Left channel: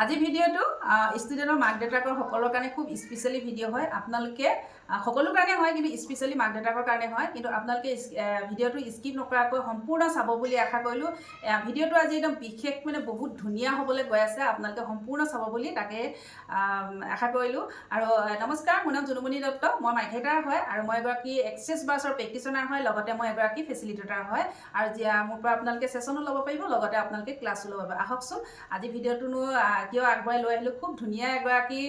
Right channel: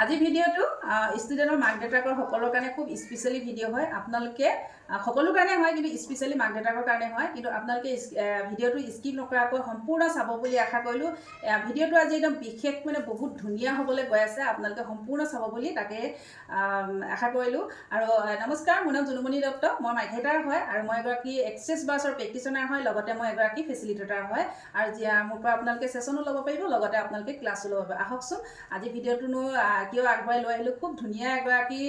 আজি ভিডিঅ'টো ষ্টুডেণ্টৰ মাক দেউতাকৰ সকলৰ কাৰণে খুব স্পেচিয়েলি ভিডিঅ' হয়। আপোনালোকে সকলো কাৰণে হয়, কিন্তু স্পেচিয়েলি মাক দেউতাকৰ কাৰণে হয়। কিন্তু আপোনালোকে ভিডিঅ'টো স্কিপ নকৰাকৈ সম্পূৰ্ণ চাব বুলি আশা কৰিলোঁ। ভিডিঅ'টো আজি একদম বিশেষ মানে বহুত ধুনীয়া হ'বলৈ গৈ আছে। আপোনালোকে সম্পূৰ্ণ চাব বুলি তাকে আশা কৰিলোঁ। আৰু নমস্কাৰ, মোৰ নাম জুনুমণি দত্ত। মই মাৰ্কেটাৰ হয় আৰু মই এগৰাকী এক্সেছ বাছৰ প্ৰেক্টিচনাৰ হয়, লগতে মই এগৰাকী ফেচিলিটেটাৰ হয়। আৰু মোৰ পৰা আপোনালোকে ছেশ্যনো ল'ব পাৰিব, লগতে আপোনালোকে ক্লাছো ল'ব পাৰিব। আহকচোন আজি ভিডিঅ'টোনো কিয় আগবঢ়াই লৈ আহিলোঁ। খুব ধুনীয়া এগৰাকী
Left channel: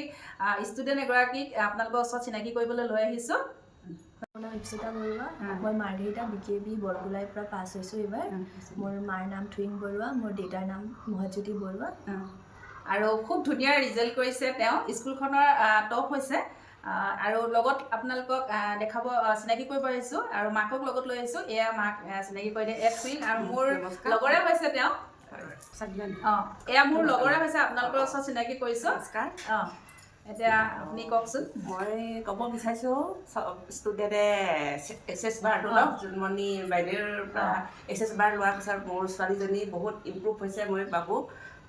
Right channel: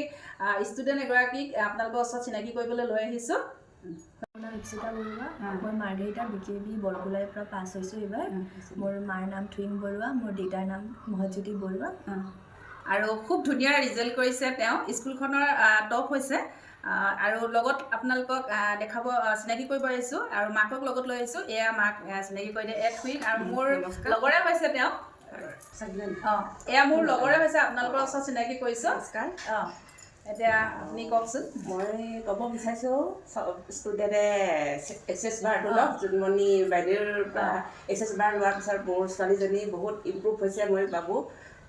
ষ্টুডেণ্ট এগৰাকীক আপোনালোকৰ ওচৰত চিনাকি কৰিবলৈ লৈ আহিছোঁ। মোৰ নাম ঋষিতা বৰুৱা। মই মাৰ্ঘেৰিটা BKB বৰগোলাইৰ পৰা পাছ হৈছোঁ এইবাৰ। মোৰ মাৰ নাম থুইং বৰুৱা, মোৰ দেউতাৰ নাম মহজ্যোতি বৰুৱা। আৰু খুব ধুনীয়া ৰিজাল্ট কৰিছে তেওঁ, স্কুলখনৰ টপ হৈছে। আৰু লগত আপোনালোকক দেখাব চিনাকি কৰিব আহিছোঁ আৰু মাকক লগত লৈ আহিছোঁ। এয়া মাক চিনাকি কৰি দিয়ে, এয়া থুইং আৰু মোৰ লগৰে হৈছে তেওঁ। এয়া মোৰ লগৰে হৈছে, আপোনালোকৰ ওচৰত চিনাকি কৰিছোঁ। এতিয়া আপুনি কওকচোন। মই ক'ব বিচাৰিছোঁ ষ্টুডেণ্টে এক্সেছ মাৰ্ক লওক। জুনুমণি বাইদেউৰ পৰা এক্সেছ মাৰ্ক লোৱাৰ পিছত মোৰ ছোৱালীজনী বহুত ইম্প্ৰুভ হৈছে। মই ভাবোঁ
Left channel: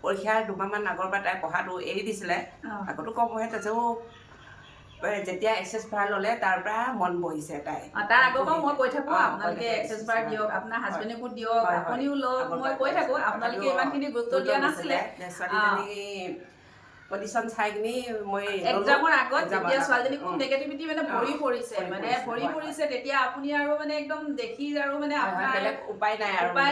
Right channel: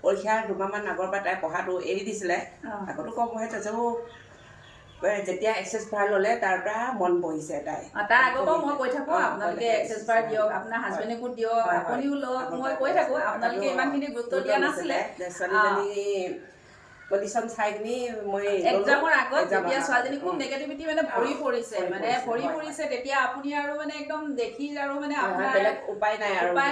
পৰীক্ষাৰ দুমাহমান আগৰ পৰা তাই পঢ়াটো এৰি দিছিলে, আগতো কম পঢ়ে, তাৰপিছতো যেতিয়া এক্সেছ মাৰ্ক ল'লে তাৰ পৰা মন বহিছে তাই। তাৰ আগৰ পৰা মই কৈ থাকোঁ আপোনালোকে এক্সেছ মাৰ্ক দিয়ক, আপোনাৰ হাজবেণ্ডকো দিয়ক, আপুনিও লওক। মই কৈ থাকোঁ, আপোনালোকে ইমানখিনি গুৰুত্ব দিয়া নাছিলে। ছোৱালীজনী পজিশ্যন চাই কিনি মই এক্সামৰ আগত যেতিয়া ছোৱালীজনী খুব নেগেটিভিটি মানে ভৰি পৰিছে তেতিয়া আপুনি আৰু মানে একদম দেখি আৰু মানে বেলেগ উপায়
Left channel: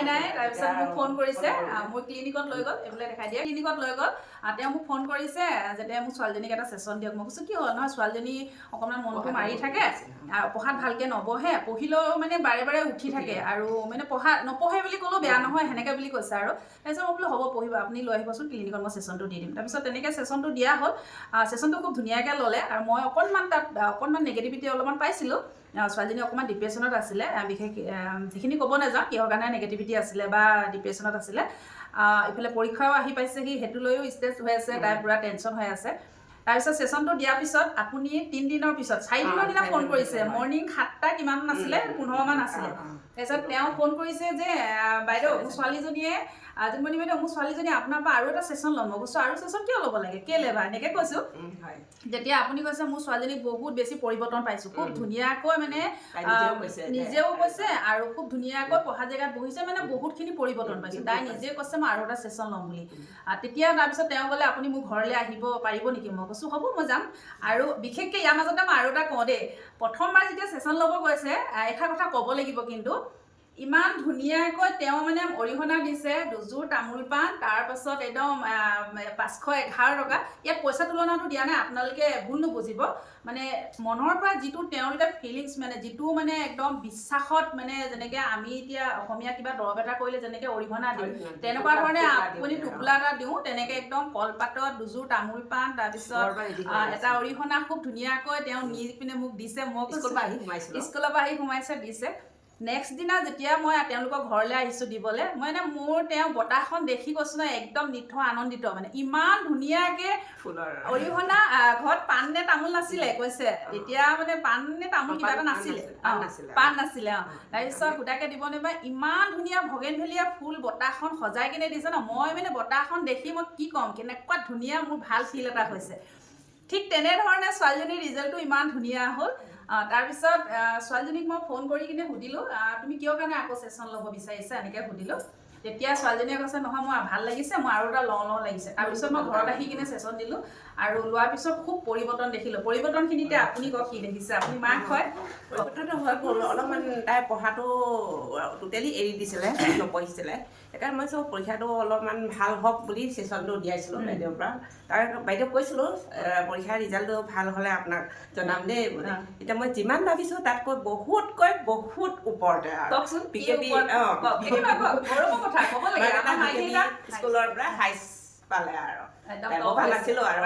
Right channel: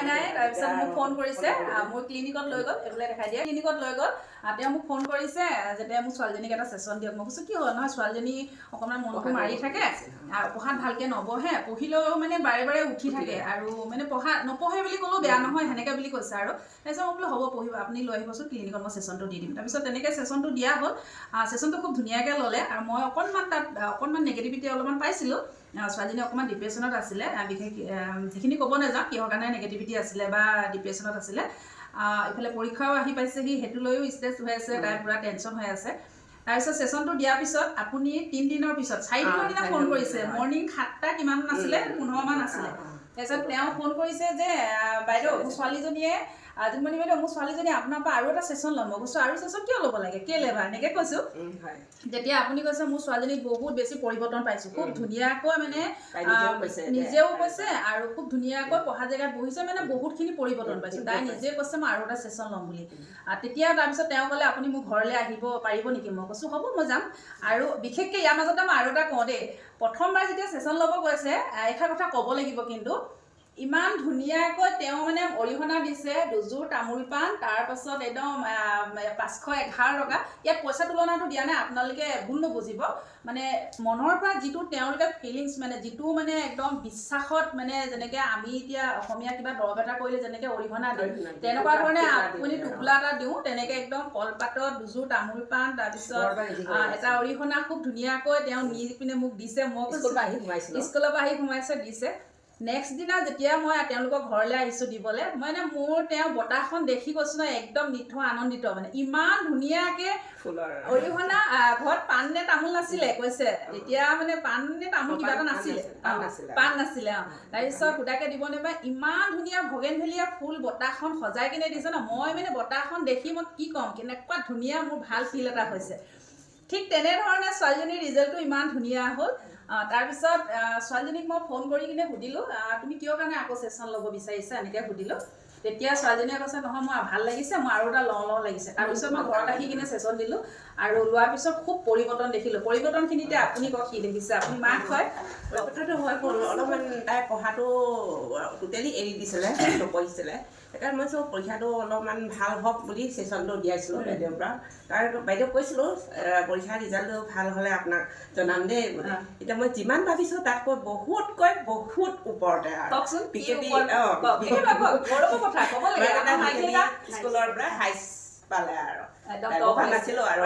নাই। তাৰপিছত মোক ফোন কৰিছে, মোৰ ক্লিনিকত লৈ গ'ল, এইফালে দেখাই দিয়ে, ক্লিনিকত লৈ গ'ল। তেওঁ মোক ফোন কৰিছে যেতিয়া মোৰ ছোৱালীজনীক এটা ছেশ্যন দিয়ক। মই কৈছোঁ কি হ'ল, নহয় ছোৱালীজনী অকণমান মনটো মাৰি থাকে, পঢ়াত ভালকৈ নবহে, পঢ়িলেও মানে বাৰে বাৰে উঠি থাকে আৰু মানে নপঢ়ে বুলি ক'লেও বেয়া নহয়, সেনেকৈ বুলি কৈছে। আৰু তাৰপিছত মই বোলো হ'ব পঢ়িব, আপুনি লৈ আহিবচোন ক্লিনিকত, মই ছেশ্যনটো দি দিম। তাৰপিছত তেনেকৈ ছেশ্যনটো দিয়া হ'ল। ছেশ্যনটো খুব ধুনীয়াকৈ ল'লে আৰু মই অকণমান নেগেটিভিটি অলপমান পাইছিলোঁ। ছোৱালীজনী অকণমান ডিপ্ৰেশ্যনত আছিলে, বিশেষ যিখিনি ক'ব নাযাওঁ কিহৰ কাৰণে নেগেটিভিটি আছিলে বা ডিপ্ৰেশ্যনত আছিলে। ইফালে পৰীক্ষাও আহি পাইছেহি, সেইটো লৈও ষ্ট্ৰেছ হৈ আছে, তাই পূৰা টেনশ্যন হৈ আছে। তাৰপিছত ছেশ্যনটো দিয়াৰ পিছত আপুনি 3 দিনৰ পিছত 4 দিনৰ দিনা ফোন কৰিছে, মৰ্ণিং 7টা কিমান আছিলে, 15 মান আছিলে। তাৰপিছত তেওঁ ফোন কৰিছে যে বাইদেউ মোৰ ছোৱালীজনীয়ে জুনুমণি বাইদেউ মোৰ ছোৱালীজনী আপোনাৰ পৰা আৰু এটা ছেশ্যন ল'ম। মই কৈছোঁ আৰু ছেশ্যন কিয় ল'ব লাগে, কেলৈ বা এনেকৈ কৈছোঁ। যেতিয়া আপুনি কৈছে মোৰ ছোৱালীজনীক বহুত বেছি পৰিৱৰ্তন পাইছোঁ, খুব ধুনীয়াকৈ মানে নিজেও কৈছে আৰু খুব ধুনীয়াকৈ পঢ়া জেগাত বহিছে, মানে বহুতখিনি পৰিৱৰ্তন পাইছোঁ। তাই নিজে কৈছে মই আৰু এটা ছেশ্যন ল'ম বুলি। তেতিয়া তাৰপিছত তেওঁ ক'লে আপুনি মোৰ ঘৰলৈ আহিব পাৰিব নেকি। মই কৈছোঁ হ'ব মই যাম। আৰু বিশেষকৈ ইয়াৰ মাজতে মই আৰু এটা কওঁ দেই, প্ৰথমবাৰ যেতিয়া ছেশ্যন ল'ব গৈছে এষাৰ কথা ক'ব লাগিব, কিন্তু ইমান ধুনীয়াকৈ তেওঁ মানে অৰিহণা দিছে, দুযোৰ তামোল পাণ, তাৰপাছত একদম 511 টকা। ইয়াত পইচা তুলনাটো দিয়া নাই, আপোনালোকে ভুল নুবুজিব। মানে মনৰ পৰা যিটো তেওঁলোকে ফিলিংছ, মানে যিটো মানে একদম বিশ্বাসত, মানে যেনেকৈ আমি এতিয়া অসমীয়া কিবা দৰৱ এটা কৰিলে যেনেকৈ অৰিহণা দিওঁ, তেনেকুৱা ধৰণে আপুনি টোপোলা এটা দিওঁ, তেনেকৈ একদম কলপাতত দুযোৰ তামোল পাণ, তাৰপিছত এটা অৰিহণা খুব ধুনীয়াকৈ তেওঁ নি পিনে মোক দিছে। মই স্কুলৰ পৰা আহি সোমাইছে দিছে। নেক্সট দিনা যেতিয়া মই তেওঁলোকৰ ঘৰলৈ আহিছোঁ দিবলৈ, মই মোৰ তেওঁ বঁটাখন দেখি কৈছোঁ ন, একদম নিথৰ আনন্দিত। মানে ইমান ধুনীয়াকৈ অৰিহণা, ঘৰত পাণ নে তামোল নাছিলে কৈছে, তেতিয়া মানে পাণ নে তামোল কিবা এটা নাছিলে, পাণ নাছিলে। তাৰপিছত সুধাকৈ দিব নাপায়, ইমান ধুনীয়া ভগেনভেলিয়া ফুল বঁটাখন সজাই কিনে দিছে ন। মই মানে বঁটাখন দেখি মই কি ক'ম, কেনেকুৱা ধুনীয়া, মোৰ ভাল ফিল এটা হৈছে। ঠিক তেনেধৰণে ছোৱালীজনীৰ ৰিজাল্টটো ইমান ধুনীয়া হ'ল। তাৰপিছত ছোৱালীজনীক মই ফোন কৰি কিনে সুধিলোঁ তুমি কিয় কাৰণে আকৌ ছেশ্যন ল'ব বিচাৰিছা, এনেকৈ সুধিলোঁ। তেতিয়া ছোৱালীজনীয়ে কৈছে নহয় মই ভাল লাগিছে, মই আৰু এটা লওঁ লাগিছে। তাৰপিছত মই ঘৰত আহি কিনে ছেশ্যন দিলোঁ আৰু লোৱাৰ পিছত খুব পৰিৱৰ্তন দেখিলোঁ। পৰিৱৰ্তনখিনিতে আপুনি কওক কি দেখিছে, আপুনি মাক হয়। পৰিৱৰ্তনটো হৈ গ'ল, অলপমান তাই পঢ়াটো টোটেলি এৰি দিছিলে, নপঢ়িছিলে। সেইকাৰণে মই চব পৰীক্ষাটো অলপমান ভাল হওক বুলি ছেশ্যনটো দিয়াইছিলোঁ বাইদেউৰ পৰা। তাৰ বাইদেউক কৈছিলোঁ পৰীক্ষাৰ ৰিজাল্টটো ভাল হ'লে আপোনাক জনাম দেই। এতিয়া মই যিমান ভাবিছোঁ তাতকৈ বহুত ওপৰতে স্কুলৰ পৰা হাইছ পালে আৰু নাছিলোঁ আৰু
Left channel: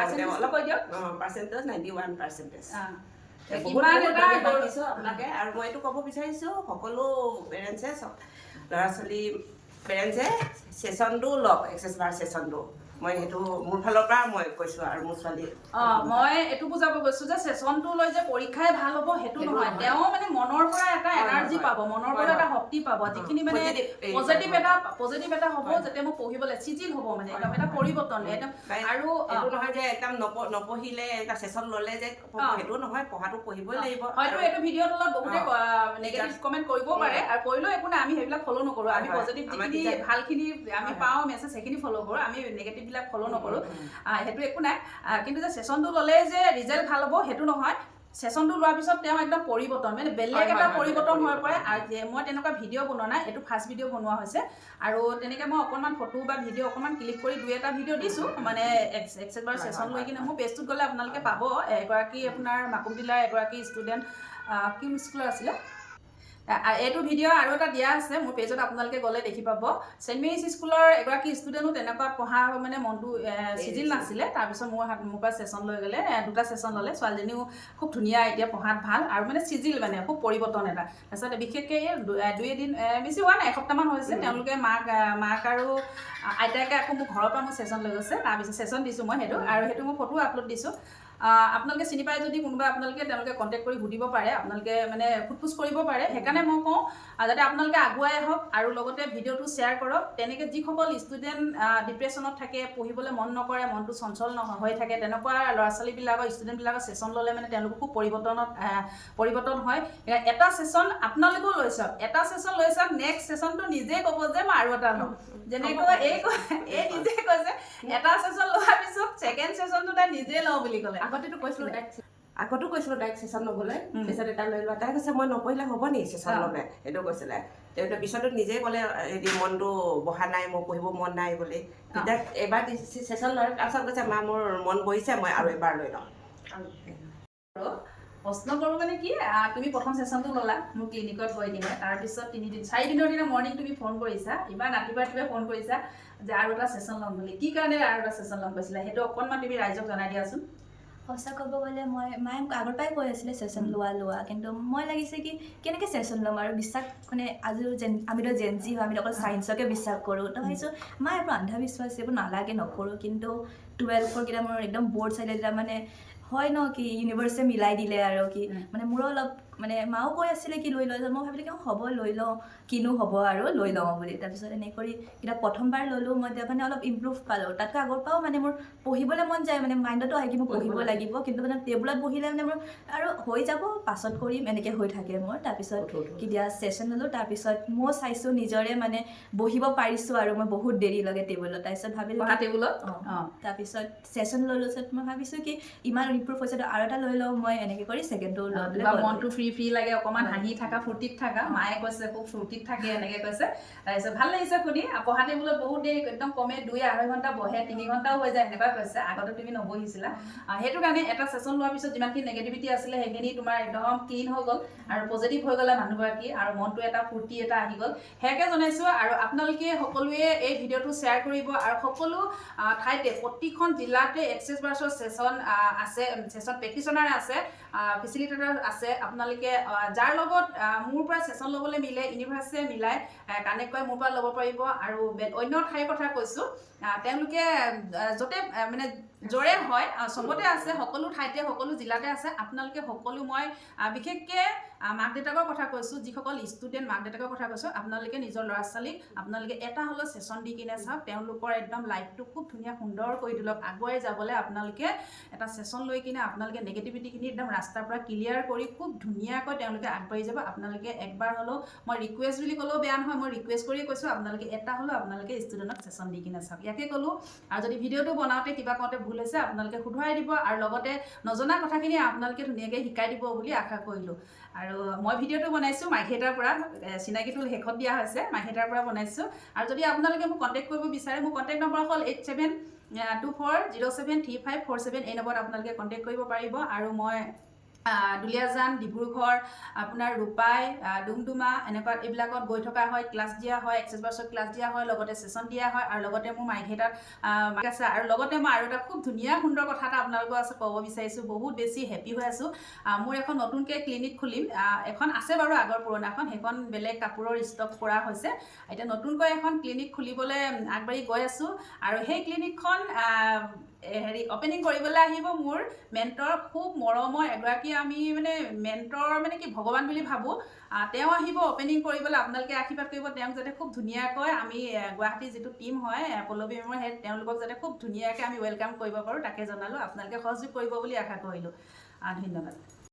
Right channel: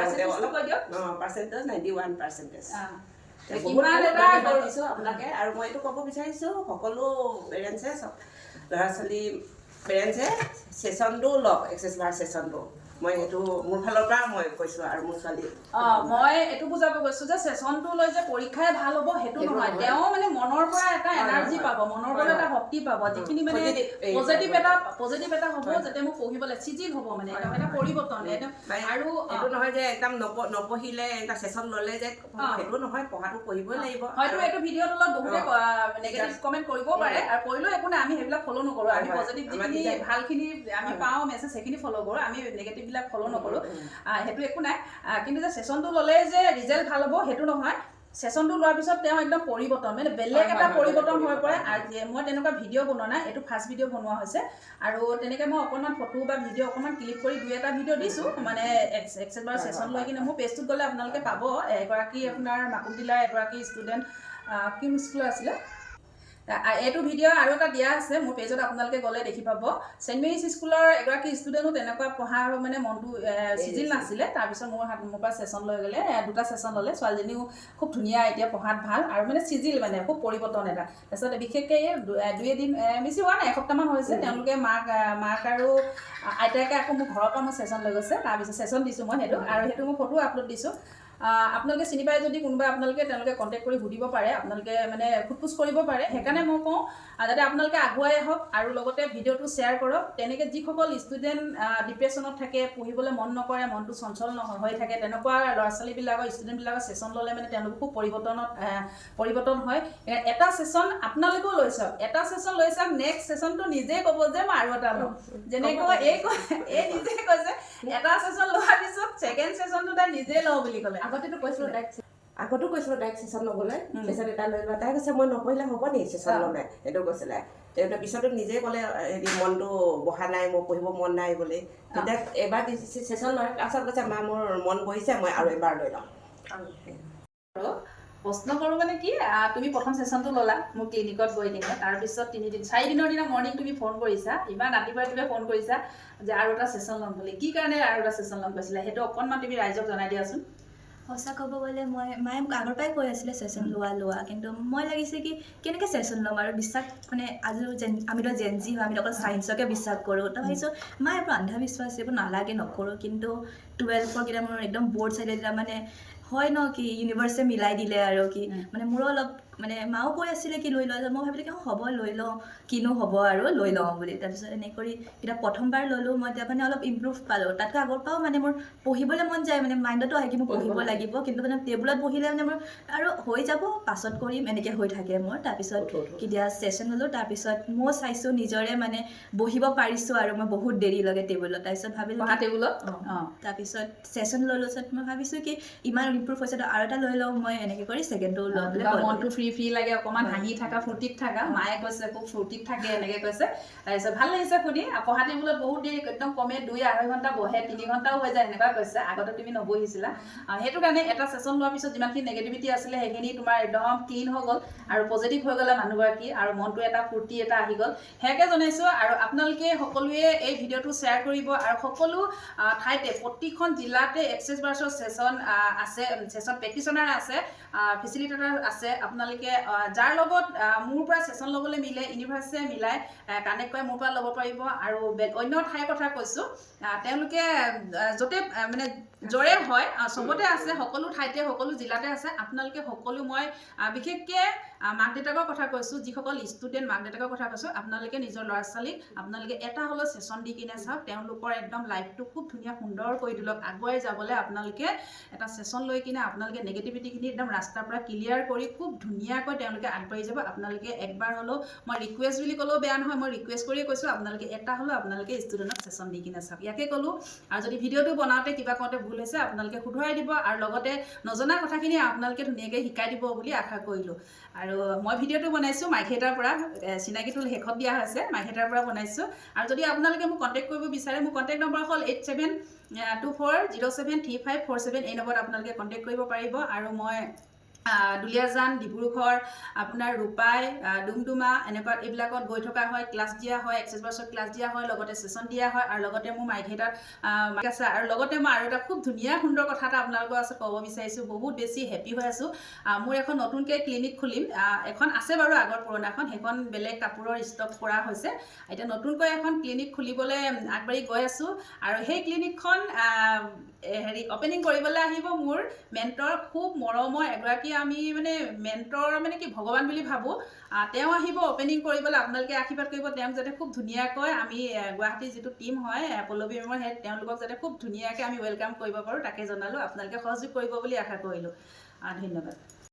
পাৰ্চেণ্টেজ 91%। আপোনালোকে আৰু মই এইটো ক'ব বিচাৰিছোঁ সকলো পেৰেণ্টছে, চব ল'ৰা ছোৱালী পেৰেণ্টছে ছেশ্যনটো লওক এক্সেছ বাৰ ছেশ্যনটো মই সেইটো মোৰ ফালৰ পৰা মই কৈছোঁ আৰু মোৰ ছোৱালী মই এইটো বুজাব গৈছোঁ যে ছেশ্যনটো লৈ যে পৰীক্ষাই ভাল হ'ব সেইটো নহয় তেওঁ মানে মনৰ পৰা এটা এনাৰ্জি পাব মনৰ পৰা এটা শক্তি পাব যিখিনি মানে পজিটিভ এটা হ'ব যাতে মোক পঢ়িবলৈ চিজিল হ'ব মানে একদম এটা পৰিৱৰ্তন একদম আৰু এইটো নহয় যে একদম নপঢ়িলে এটা ছেশ্যন ল'লে যে সেইটো নহয় পঢ়াটো পঢ়িবই লাগিব হয়তো এইটো ভিডিঅ'ৰ তলত বহুতে নেগেটিভ কমেণ্ট কৰিবও পাৰে আৰু কৰিলেও একো নাই আমি সেইবিলাক ফ'ল' নকৰোঁ আমি পজিটিভ যিখিনি ভালখিনি আমি পাওঁ মেছেজ সেইখিনি ফ'ল' কৰোঁ আমি নেগেটিভবিলাক ফ'ল' নকৰোঁ সেইটো একো নাই কিন্তু যে ছেশ্যনটো ল'লে যে ৰিজাল্ট ভাল হ'ব সেইটো নহয় ছেশ্যনটো লোৱাৰ পিছত তেওঁ একদম পৰিৱৰ্তন মানে বেলেগ এটা পৰিৱৰ্তন হৈ পৰে আৰু মই তেনেকুৱা ভিডিঅ' বনোৱা নাই এইটো ফাৰ্ষ্ট ভিডিঅ' বনোৱা হৈছে আৰু তেনেকৈ মই অকণমান ফটো বা ভিডিঅ' অকণমান ক্লিক কৰি 2-এটা ভিডিঅ' দিছোঁ মানে এক্সেছ বাৰ ছেশ্যন লৈ কিনে মোৰ পেজটোত গ'লে আপোনালোকে পাব এগৰাকী আপোনাৰ মাকুম জিলাৰ এগৰাকী ষ্টুডেণ্ট কিম স্কুলৰ আছিলে এইটো ভিডিঅ' আৰু এটা দিয়া আছে মোৰ পেজত আপোনালোকে গ'লে দেখি পাব ছেইণ্ট মেৰিজ স্কুলৰ এগৰাকী ষ্টুডেণ্টো তেনেকুৱা পঢ়া মানে মনটো চিজিল নাছিলে তাৰপিছত মোৰ পৰা ছেশ্যন লৈ গ'লে 2টা ছেশ্যন ল'লে ছোৱালীজনীও খুব ধুনীয়া এতিয়া পঢ়াত ভাল আৰু মানে চিজিল মানে খুব পৰিৱৰ্তন এটা তাৰপিছত বিশেষকৈ এই 2-এদিন বেছি হোৱা নাই এসপ্তাহমান হৈছে তেওঁলোকে মাক আৰু আইতাকে আকৌ মোৰ ঘৰৰ পৰা মোৰ ছেশ্যন লৈ গৈছে তাৰপিছত ছেশ্যন দিছোঁ মই সেইটো আৰু সেইটো মই ফটো আপলোড দিছোঁ আপোনালোকে চিনি পায় যদি কোনোবা তেওঁলোকে কণ্টেক্ট কৰি সুধিব পাৰে আপোনালোকে মানে সোধ-পোছ কৰিব পাৰে সেইকাৰণে মই কওঁ যাতে আপোনালোকে আগুৱাই আহক আৰু লগতে ভিডিঅ'টো শ্বেয়াৰ কৰক তেনেকৈ যিসকল ষ্টুডেণ্ট ডিপ্ৰেশ্যনত থাকে পঢ়িবলৈ মন নকৰে মনটো চঞ্চল হৈ থাকে তেনেকুৱা ল'ৰা ছোৱালীবিলাকৰ ষ্টুডেণ্টবিলাকৰ ছেশ্যন ল'লে মানে তেওঁলোক খুব পৰিৱৰ্তন হয় এটা ছেশ্যন আপোনালোকেও লৈ চাওক এটা ছেশ্যন লৈ চাওক নেক্সট ছেশ্যনটো নিজেই ক'ব যে মই আৰু এটা লওঁ যেনেকৈ এই নিজে কৈছে এটা ছেশ্যন লোৱাৰ পিছত ছেকেণ্ড ছেশ্যনটো তাই নিজে লওঁ বুলি ক'লে আগতেতো কৈছিলোঁ তাইক ছেশ্যন ল'বলৈ পিছত এটা লৈ লোৱা তাই কৈছে মই নপঢ়িলে হ'ব নেকি ছেশ্যন ল'লে সেইটো কৈছিলে তেওঁ পিছতো নিজে ক'লে হেৰি মনটো বহা নাই মোৰ পঢ়িব মন নাই বুলি তেতিয়া এবাৰ ছেশ্যন লোৱাৰ তাৰপিছত কৈছে মা মোৰ মন বহিছে মই আৰু এবাৰ লৈ লওঁ প্ৰশ্ন কৰোঁ মানে কি তুমি প্ৰথম ছেশ্যনটো ল'লা মোৰ ক্লিনিকত গৈ কিনে তাৰপিছত 4 দিনৰ দিনা মৰ্ণিং তুমি ফোন কৰিছা ইমান ৰাতিপুৱাই ফোন কৰিছা যে আৰু এটা ছেশ্যন ল'ম বুলি কি কাৰণে আৰু এটা ছেশ্যন ল'ম কৈছিলা সেইটো অকণমান তুমি ৰাইজক জনাই দিয়াচোন সঁচা ক'ব গ'লে মায়ে আগৰ পৰাই কৈ আছিলে ছেশ্যন লোৱা কিন্তু মই লাগিছে কি কেনেকৈ ছেশ্যন ল'ম আৰু বিশ্বাস মানে আজিও আমিতো জেনজি হয় আমি অকল ছায়েন্সকে বিশ্বাস কৰোঁ তো ভাবিছোঁ মায়ে এইবোৰ অন্ধবিশ্বাস এইবোৰ নালাগে নকৰোঁ কিন্তু 12ৰ কেইটা মোৰ একদম বৰ্ড চাইডে যেতিয়া মানে হয় ন কি ইউনিভাৰ্ছে মিলাই দিলে আৰু কি মানে মোৰো অলপ মানে মাও কৈ আছিলে কি লৈ লওঁ মই ভাবিলোঁ কি হ'ব লৈ লওঁ কিনো হ'ব আৰু লৈ লওঁ বুলি তাৰপিছত এনেকৈ কৰি কিতাপ প্ৰথমবাৰ ল'লোঁ মই এতিয়া মানে অলপ ইম্প্ৰুভ পালোঁ তাতকৈ আগৰ পৰাও মানে মোৰ পঢ়িবলৈ মন যায় মানে মাইণ্ডতো আহে কি মোৰ পঢ়িব লাগিব কিন্তু মানে টেবুলত বহিলে মানে মোৰ আৰু হৈ যাব পাছত কৰিম এনেকৈ হৈ থাকে মোৰ তাৰপিছত কেতিয়া ছেশ্যন ল'লোঁ তাৰপিছত মই চাইছোঁ নিজৰে মানে বহিব পাৰিছোঁ আৰু মই বহুত দেৰিলৈকে টেবুলত তাৰপিছত ভাবিলোঁ টেবুলত তাৰপিছত ছেশ্যন ল'লোঁ পিছত মই ভাবিছোঁ কি ইমান ইম্প্ৰুভ হৈছে আৰু এটা লৈ লওঁ মই এনেকৈ কৰি ছেকেণ্ডটো লৈ মনটো ফ্ৰী লাগে অকণমান হাঁহি থাকা ফূৰ্তিত থাকা মায়ে কৈছে খুব ফূৰ্তিত থাকে এনেকৈ কৈছে তাৰপিছত ভাল লাগিছে শুনি পঢ়া টেবুলত বহুত দেৰি একদম কমে 2-2.5 ঘণ্টা বহে 3 ঘণ্টাও হৈ যায় এনেকুৱা কৈছে আগতে তুমি নবহিছিলা সেইটো কাৰণে এটা ছেশ্যন লোৱাৰ পিছত যিমানখিনি নেগেটিভিটি আছিলে সেইখিনি তোমাৰ একদম ক্লিন হৈ গ'ল আৰু পজিটিভ হৈ গ'লে মানুহগৰাকী আৰু মনটো এটা ফূৰ্তি এটা আহি গ'ল সেয়াকে জনাইছোঁ আৰু আপোনালোকে সকলোৱে এই ভিডিঅ'টো শ্বেয়াৰ কৰিব আৰু সকলো ঠাইতে প্ৰতিখন জিলাতে এক্সেছ বাৰ্ছৰ ছেশ্যন আছে ছেশ্যন প্ৰেক্টিশ্যনাৰ আছে ফেচিলিটেটৰ আছে আপোনালোকে যাৰ লগত মোৰ পৰা ছেশ্যন ল'বলৈ মিলে ইউনিভাৰ্ছে মিলাই কানেক্ট কৰি মোৰ পৰা ল'ব পাৰিব আৰু অন্য ঠাইৰ কথা কৈছোঁ তেওঁলোকে য'তে মানে য'ৰে হয় চবতে আছে সকলো ঠাইতে সকলো জিলাতে আছে আপোনালোকে সকলো মই বিশেষকৈ মাক দেউতাকৰ কথা কৈছোঁ যিসকল ষ্টুডেণ্ট মাক দেউতাকৰ কথা কৈছোঁ আপোনালোকে নিজৰ ল'ৰা ছোৱালীক আপোনালোকে এটা হ'লেও ছেশ্যন দি কিনে চাওক তেওঁলোকৰ একদম লাইফটো খুব ধুনীয়া সুন্দৰ কৰি তোলক আগুৱাই যাবলৈ আপোনালোকে এটা ছেশ্যন লৈ কিনে আপোনালোকে নেগেটিভিটিখিনি একদম ৰাস্তাৰ পৰা ক্লিয়াৰ কৰি খুব ধুনীয়াকৈ তেওঁলোকে আগবাঢ়ি যাব আপোনালোকে একবাৰ হ'লেও মই ৰিকুৱেষ্ট বুলি ক'লেও বেয়া নহয় মই ৰিকুৱেষ্ট কৰিয়ে কৈছোঁ আপোনালোকে এটা হ'লেও আপোনালোকে ষ্টুডেণ্টক ছেশ্যন দি কিনে চাওক ইয়াকে ক'লোঁ আৰু যদি ভিডিঅ'টো বনাওঁতে কিবা কওঁতে ভুল হৈছে আপোনালোকে শুধৰাই দিব আৰু লগতে নজনা কথাখিনি আপোনালোকে ধুনীয়াকৈ শিকাই দিব বুলি আশা কৰিলোঁ আৰু মই ভিডিঅ'টো বনাইছোঁ মাইখেটাৰ পৰা চিনাকিটো শেষত দিয়া হৈছে মাইখেটাৰ পৰা বনাইছোঁ আৰু যদি আপোনালোকে মোক কণ্টেক্ট কৰিব বিচাৰে মোৰ কণ্টেক্ট নম্বৰ হ'ল 8724073547 এই নম্বৰত আপোনালোকে কণ্টেক্ট কৰিব পাৰিব আৰু মই দুলীয়াজান, ডিব্ৰুগড়, আপোনাৰ ৰূপাই, ডুমডুমা এনেকুৱা এইবিলাকত গৈ থকা হয়, ক্লাছ দিয়া হয়, এক্সেছ বাছত ক্লাছ দিয়া হয়, লগতে ছেশ্যন দিয়া হয়, আৰু লগতে মোৰ মাইকী এটাত আছে। আৰু লগতে মই আৰু এটা খুব ধুনীয়া সুন্দৰ কথা এটা আপোনালোকৰ আছে ক'ব বিচাৰিছোঁ, বহুত বেছি হেপী হৈ আছোঁ। মোৰ এখন নতুনকৈ ক্লিনিক খুলিম। এখন আছে বাৰু আগৰ পুৰণাখন, সেইখন বেলেগ কাপোৰৰ ষ্টক কৰা হৈছে। এতিয়া নতুনকৈ এখন ক্লিনিক খুলিবলৈ আগবাঢ়ি গৈ আছোঁ। আৰু সেই ক্লিনিকখন অপেনিং কৰিবলৈ আহিব মোৰ মেণ্টৰ, খুব মৰমৰ এগৰাকী, আমি মানে মেণ্টৰ মানে কি ভগৱান বুলি ভাবোঁ। তেওঁ আহিব অপেনিং কৰিবলৈ, আপোনালোকে আশীৰ্বাদ কৰিব তেওঁক যাতে খুব ধুনীয়াকৈ আমি গুৱাহাটীৰ যিটো টীম হয় পল্লৱী মেমৰ, সেই তেওঁলোকক যাতে খুব ধুনীয়াকৈ আমি ৱেলকাম কৰিব পাৰোঁ, তাকে জনালোঁ। আপোনালোকে সহযোগ কৰিব বুলি আশা কৰিলোঁ। ধন্যবাদ।